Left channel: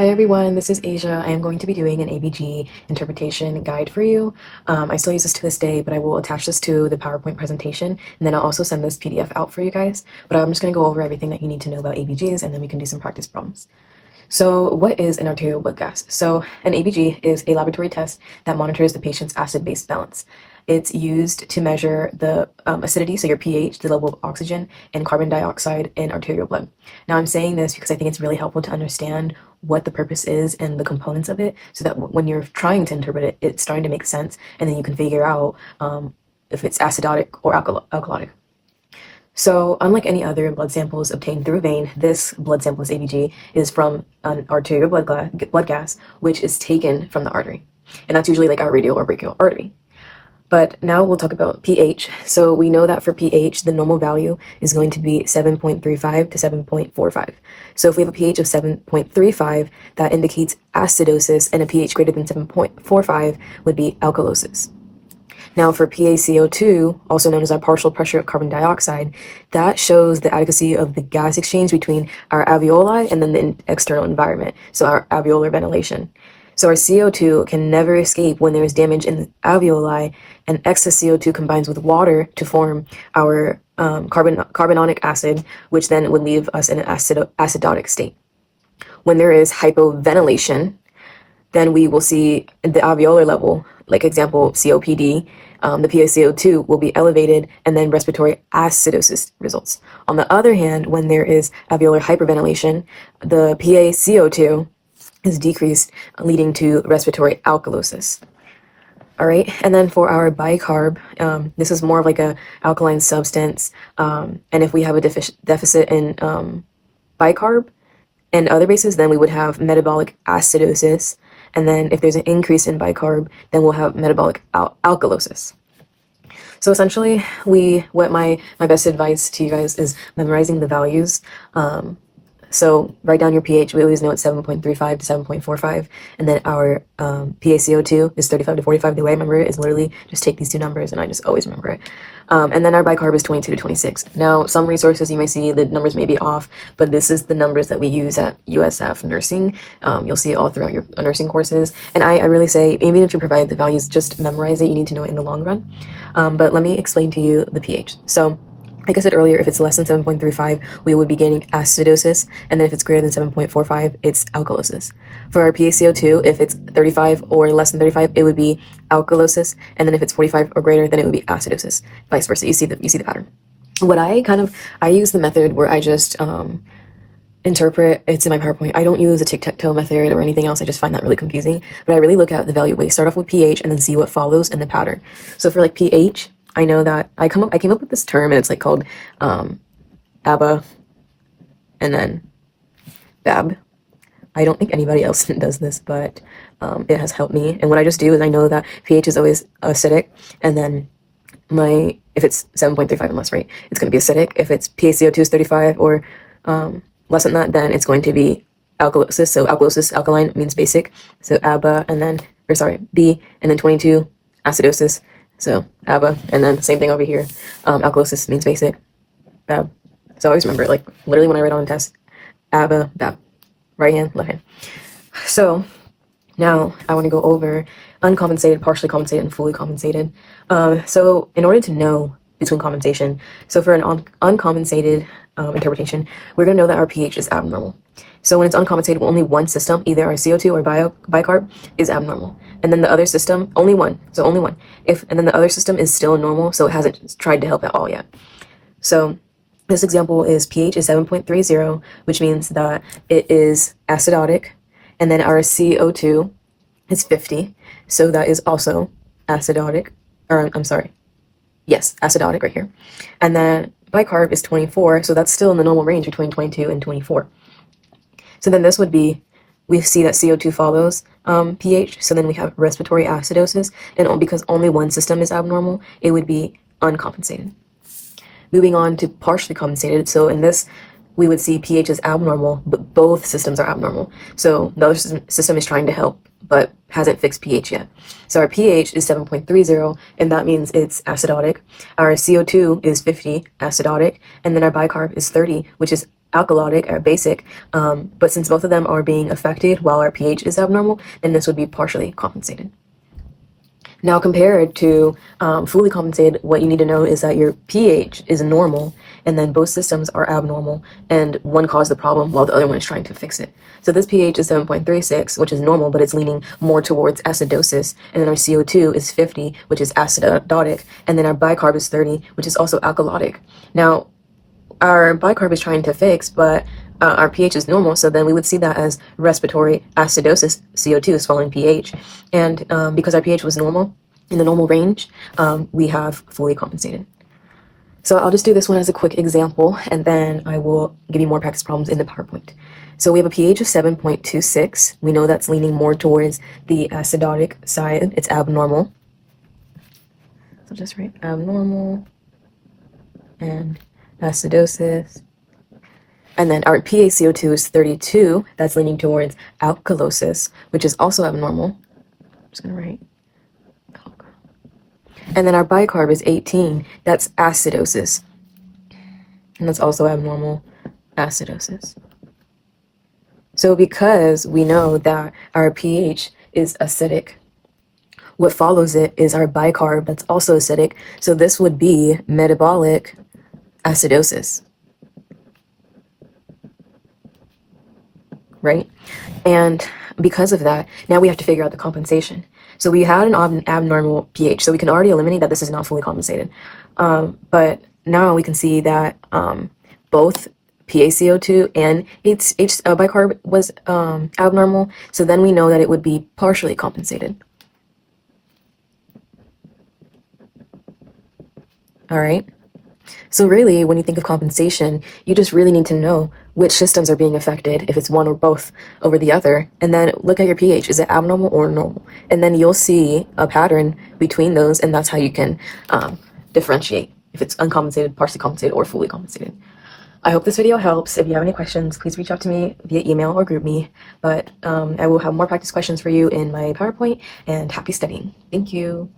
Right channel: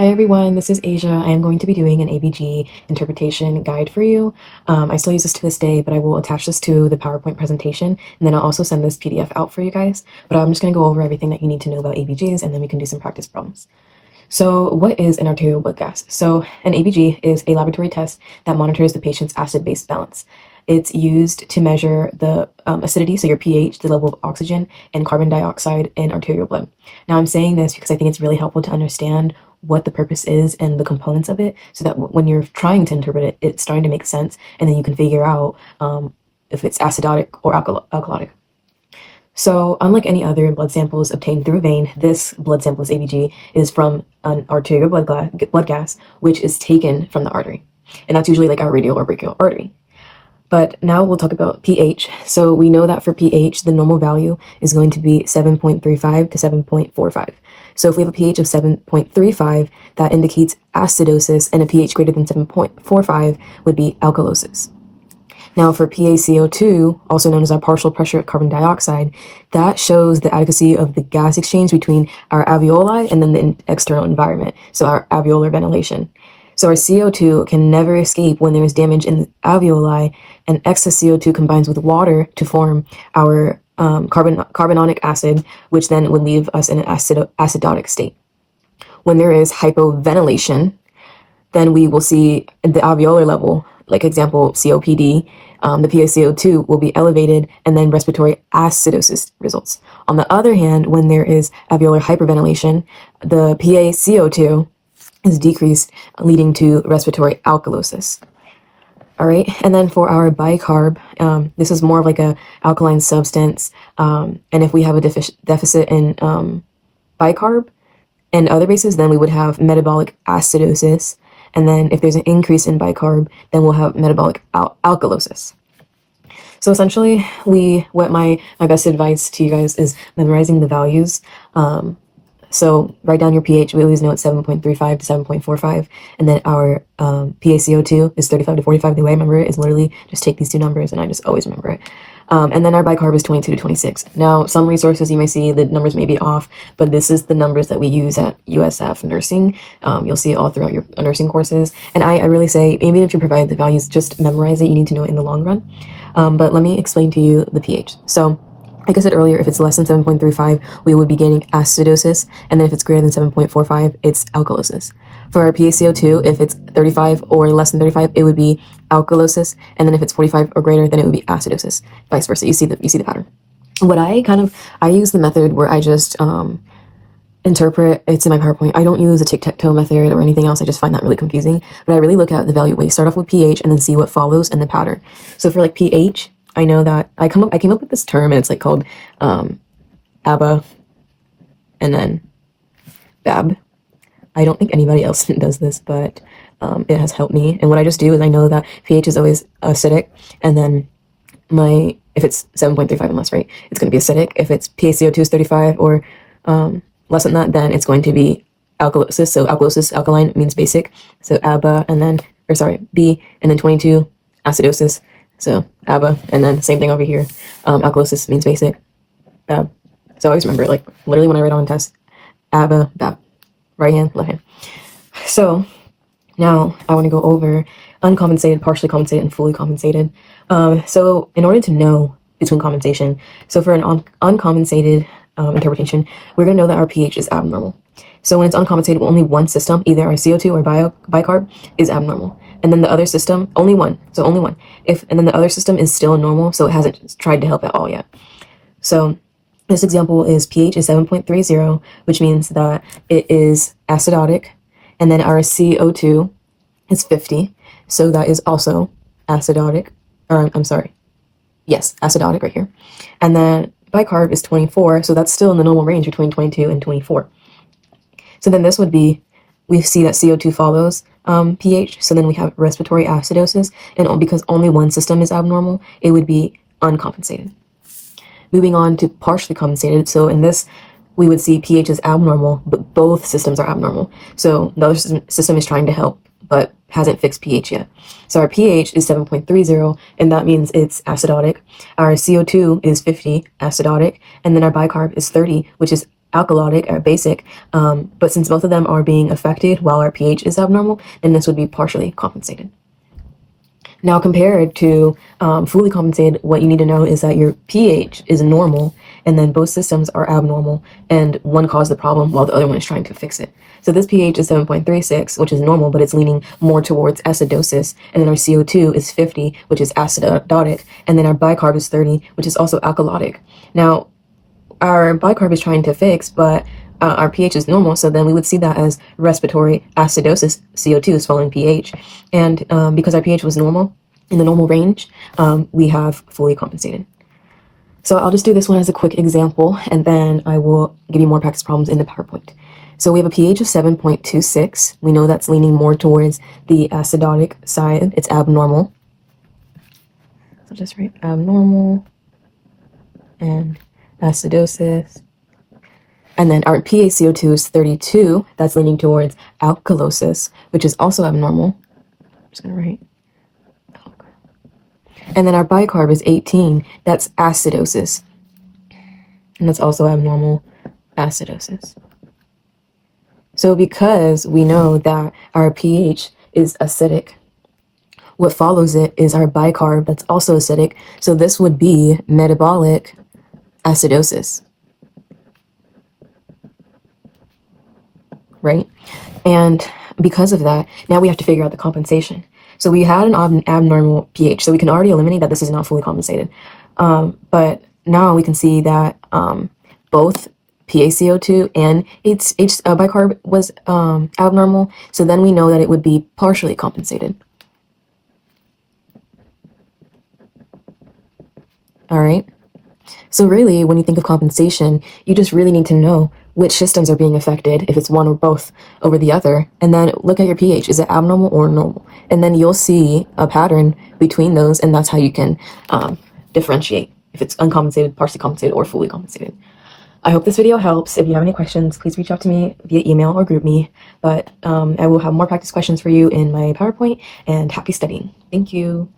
Hi everyone, this is Asia. I am going to be doing an ABG interpretation guide for you. I still use this to this day, but I will attach this to the PowerPoint presentation, and then I'll also send this PDF out for you guys. But I'm just going to go over everything that you need to know about ABGs, and then we can do some practice problems. So what is an arterial blood gas? So an ABG is a laboratory test that monitors the patient's acid-base balance. It's used to measure the acidity, so your pH, the level of oxygen and carbon dioxide in arterial blood. Now I'm saying this because I think it's really helpful to understand what the purpose is and the components of it, so that when you're trying to interpret it, it's starting to make sense, and then you can figure out if it's acidotic or alkalotic. So unlike any other blood samples obtained through a vein, this blood sample, this ABG, is from an arterial blood gas, which is taken from the artery. And that's usually like our radial or brachial artery. But now we'll talk about pH. So we know that for pH, the normal value is going to be 7.35 to 7.45. So if we have a pH of 7.35, that indicates acidosis, and a pH greater than 7.45 would be alkalosis. Now for PaCO2, also known as our partial pressure of carbon dioxide, that shows the adequacy of the gas exchange between our alveoli and then the external environment, so our alveolar ventilation. So our CO2 can never escape when there is damage in the alveoli, and excess CO2 combines with water to form our carbonic acid, which then would leave us in an acidotic state. When there is hypoventilation, then we will see the alveolar level, like example COPD, the PaCO2 will be elevated, and then respiratory acidosis results. On the other hand, when there is alveolar hyperventilation, the PaCO2 is decreased, leading to respiratory alkalosis. All right, and then for our bicarb, this is more of like a alkaline substance, and if we have a deficit in bicarb and other bases, then we would have metabolic acidosis, and then if there's an increase in bicarb, then we'll have metabolic alkalosis. So essentially, what my best advice to you guys is memorizing the values. So write down your pH. We always know it's 7.35 to 7.45, and then our PaCO2 is 35 to 45. The way I remember it is literally just take these two numbers, and I just always remember it. And then our bicarb is 22 to 26. Now, some resources you may see the numbers may be off, but this is the numbers that we use at USF nursing. You'll see it all throughout your nursing courses. And I really say, even if you provide the values, just memorize it. You need to know it in the long run. But let me explain to you the pH. So like I said earlier, if it's less than 7.35, we would be getting acidosis, and then if it's greater than 7.45, it's alkalosis. For our PaCO2, if it's 35 or less than 35, it would be alkalosis, and then if it's 45 or greater, then it would be acidosis. Vice versa. You see the pattern. What I use the method where I just interpret. It's in my PowerPoint. I don't use a tic-tac-toe method or anything else. I just find that really confusing. But I really look at the value. We start off with pH and then see what follows and the pattern. So for like pH, I know that I came up with this term, and it's like called ABA and then BAB. I don't think anybody else does this, but it has helped me. And what I just do is I know that pH is always acidic, and then if it's 7.35 and less, right, it's going to be acidic. If it's PaCO2 is 35 or less than that, then it's going to be alkalosis. So alkalosis, alkaline means basic. So ABA B, and then 22 acidosis. So ABA, and then same thing over here. Alkalosis means basic. BAB. So I always remember, like literally when I write on test, ABA, BAB, right hand, left hand. So now I want to go over uncompensated, partially compensated, and fully compensated. So in order to know between compensation, so for an uncompensated interpretation, we're going to know that our pH is abnormal. So when it's uncompensated, only one system, either our CO2 or bicarb, is abnormal. And then the other system, only one. So only one. And then the other system is still normal, so it hasn't tried to help at all yet. So this example is pH is 7.30, which means that it is acidotic. And then our CO2 is 50. So that is also acidotic. Yes, acidotic right here. And then bicarb is 24, so that's still in the normal range between 22 and 24. So then this would be, we see that CO2 follows pH, so then we have respiratory acidosis, and because only one system is abnormal, it would be uncompensated. Moving on to partially compensated, so in this, we would see pH is abnormal, but both systems are abnormal. So the other system is trying to help, but hasn't fixed pH yet. So our pH is 7.30, and that means it's acidotic. Our CO2 is 50, acidotic, and then our bicarb is 30, which is alkalotic or basic, but since both of them are being affected while our pH is abnormal, then this would be partially compensated. Now, compared to fully compensated, what you need to know is that your pH is normal, and then both systems are abnormal, and one caused the problem while the other one is trying to fix it. So this pH is 7.36, which is normal, but it's leaning more towards acidosis, and then our CO2 is 50, which is acidotic, and then our bicarb is 30, which is also alkalotic. Now, our bicarb is trying to fix, but our pH is normal, so then we would see that as respiratory acidosis. CO2 is following pH, and because our pH was normal, in the normal range, we have fully compensated. So I'll just do this one as a quick example, and then I will give you more practice problems in the PowerPoint. So we have a pH of 7.26. We know that's leaning more towards the acidotic side. It's abnormal. So just write abnormal and acidosis. And then our PaCO2 is 32. That's leaning towards alkalosis, which is also abnormal. I'm just going to write alk. And then our bicarb is 18. That's acidosis. And that's also abnormal acidosis. So because we know that our pH is acidic, what follows it is our bicarb that's also acidic. So this would be metabolic acidosis. Right? And because of that, now we have to figure out the compensation. So we had an abnormal pH, so we can already eliminate that this is not fully compensated. But now we can see that both PaCO2 and bicarb was abnormal, so then we know that it would be partially compensated. All right? So really, when you think of compensation, you just really need to know which systems are being affected, if it's one or both over the other, and then look at your pH. Is it abnormal or normal? And then you'll see a pattern between those, and that's how you can differentiate if it's uncompensated, partially compensated, or fully compensated. I hope this video helps. If you have any questions, please reach out to me via email or group me. But I will have more practice questions for you in my PowerPoint, and happy studying. Thank you.